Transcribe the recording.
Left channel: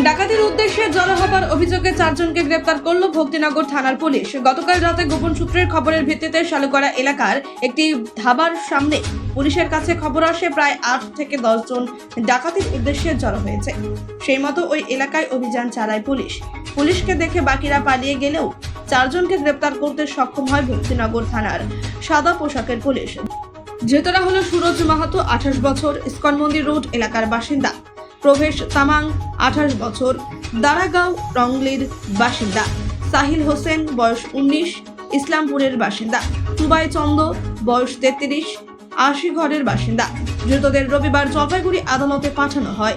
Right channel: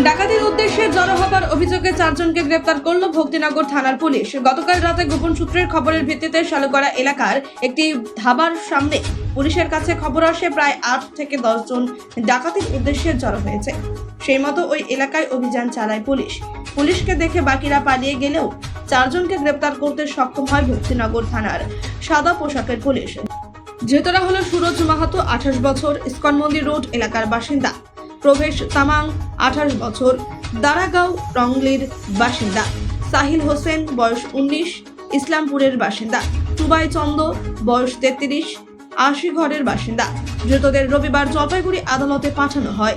ডাকাতির উদ্দেশ্যে জড়ো হবার অভিযোগে 4 জনকে গ্রেপ্তার করল ভক্তিনগর থানার পুলিশ। গতকাল রাতে গোপন সূত্রের খবরের ভিত্তিতে শালুগড়া এলাকার একটি ধাবার সামনে পুলিশের কাছে খবর আসে প্রায় 8 থেকে 10 জন ডাকাতির উদ্দেশ্যে জড়ো হয়েছে। সেই মতো ওই এলাকায় অভিযান চালায় পুলিশ। পুলিশকে দেখে বাকিরা পালিয়ে গেলেও 4 জনকে গ্রেপ্তার করতে সক্ষম হয় ভক্তিনগর থানার সাদা পোশাকের পুলিশ। ধৃতরা হলো সুরজ মাহাতো 28 বছর, ইস্কন মন্দির রোড এলাকার বাসিন্দা, প্রভেশ তামাং 28 বছর, দারাগাঁও রংলির বাসিন্দা, সাহিল হোসেন বয়স 19 ইসলামপুরের বাসিন্দা, টুবাই চন্দ বয়স 33 আশিঘরের বাসিন্দা। ধৃতদের রবিবার জলপাইগুড়ি আদালতে পাঠানো হয়।